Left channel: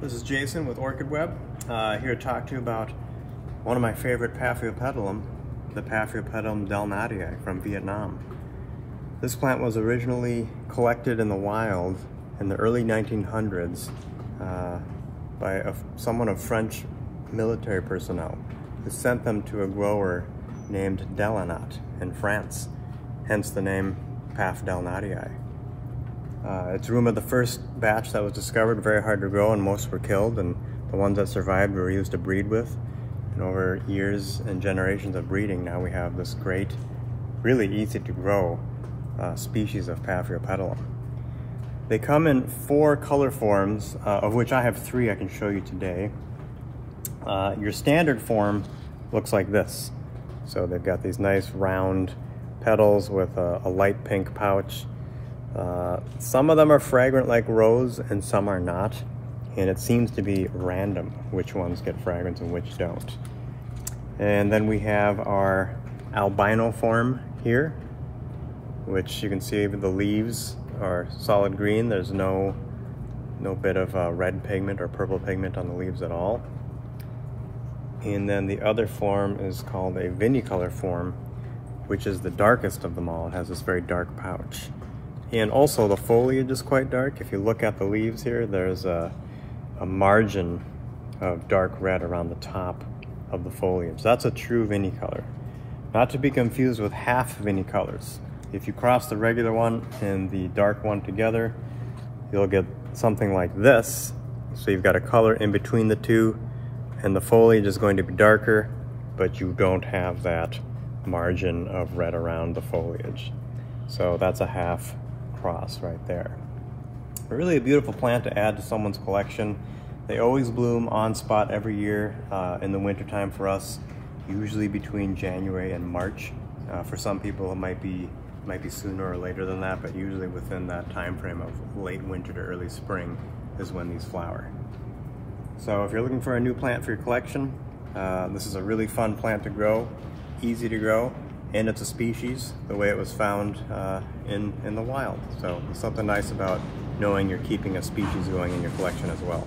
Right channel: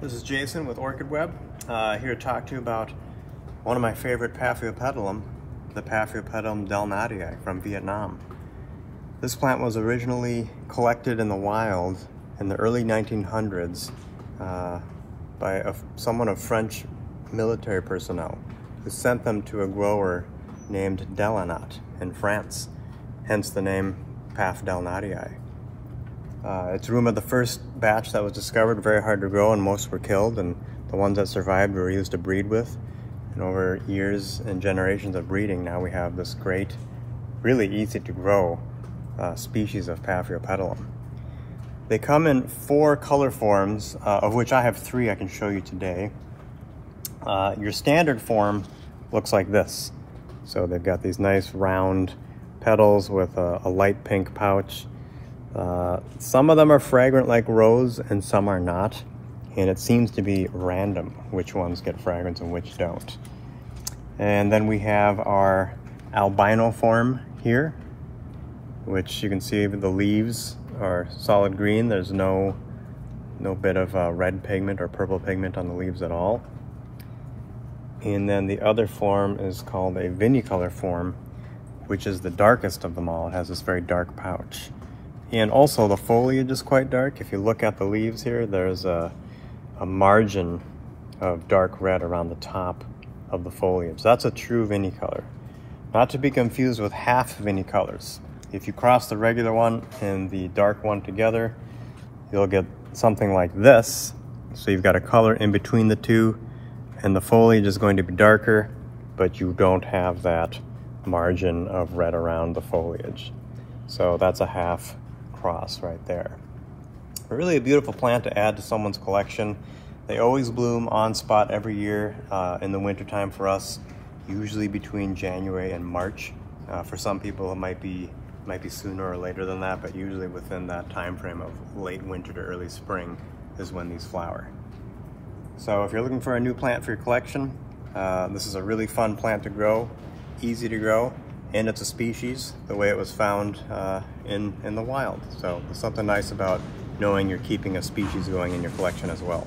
This is Jason with OrchidWeb, here to talk to you about one of my favorite Paphiopedilum, the Paphiopedilum delenatii from Vietnam. This plant was originally collected in the wild in the early 1900s by someone of French military personnel who sent them to a grower named delenatii in France, hence the name Paphiopedilum. It's rumored the first batch that was discovered very hard to grow and most were killed, and the ones that survived were used to breed with. And over years and generations of breeding, now we have this great, really easy to grow species of Paphiopedilum. They come in 4 color forms, of which I have 3 I can show you today. Your standard form looks like this. So they've got these nice round petals with a light pink pouch. Some of them are fragrant like rose and some are not, and it seems to be random which ones get fragrance and which don't. And then we have our albino form here, which you can see the leaves are solid green. There's no bit of red pigment or purple pigment on the leaves at all. And then the other form is called a vinicolor form, which is the darkest of them all. It has this very dark pouch. And also the foliage is quite dark. If you look at the leaves here, there's a margin of dark red around the top of the foliage. That's a true vinicolor. Not to be confused with half vinicolors. If you cross the regular one and the dark one together, you'll get something like this. So you've got a color in between the two, and the foliage is going to be darker, but you don't have that margin of red around the foliage. So that's a half cross right there. Really a beautiful plant to add to someone's collection. They always bloom on spot every year in the wintertime for us, usually between January and March. For some people it might be sooner or later than that, but usually within that time frame of late winter to early spring is when these flower. So if you're looking for a new plant for your collection, this is a really fun plant to grow, easy to grow, and it's a species the way it was found in the wild. So there's something nice about knowing you're keeping a species going in your collection as well.